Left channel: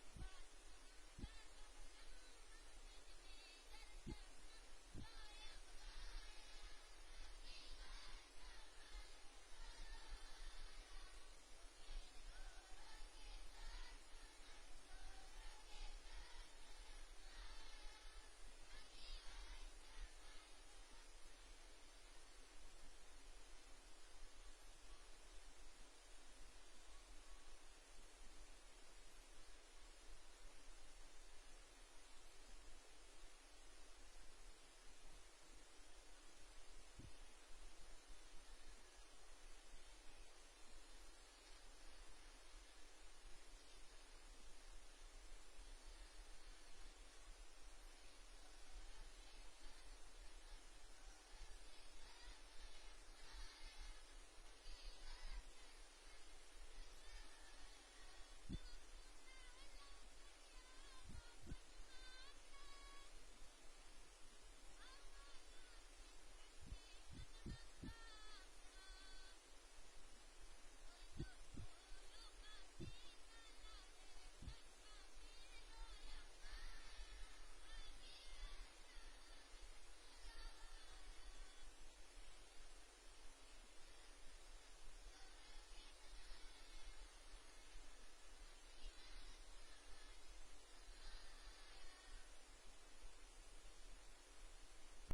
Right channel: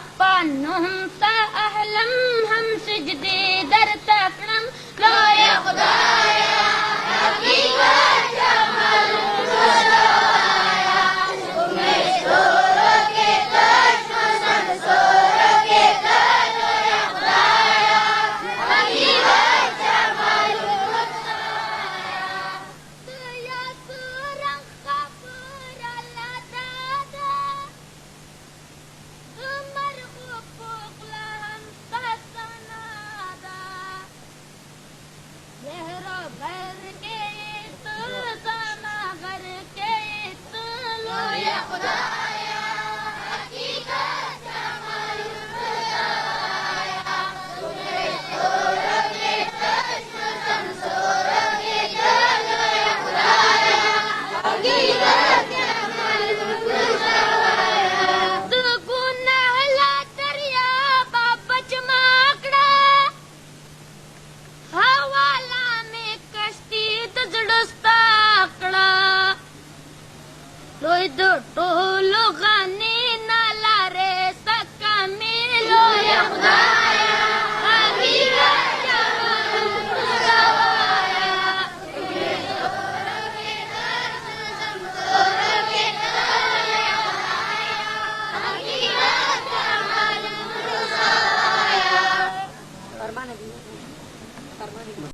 أنهم سأهلم هم سجدي در تقنم لا يقضايا حقيقة جمال سرايا ومشهور के कश्मसन सोर के ला يقضايا حقيقة جمال سرايا يا سورة خبر الله دادا مرغوب لهم سسنادا زهرا भर के सना भर के लो या खुदाया हकीकत जमाल खुदाया तुम्हें सोर के कश्मसन सोर के लो या खुदाया हकीकत जमाल खुदाया तू गुनाहला दरिया बाबच माकड़ा हवाला में कश्ती तजड़स्ता आकड़ा लोई दो टोलो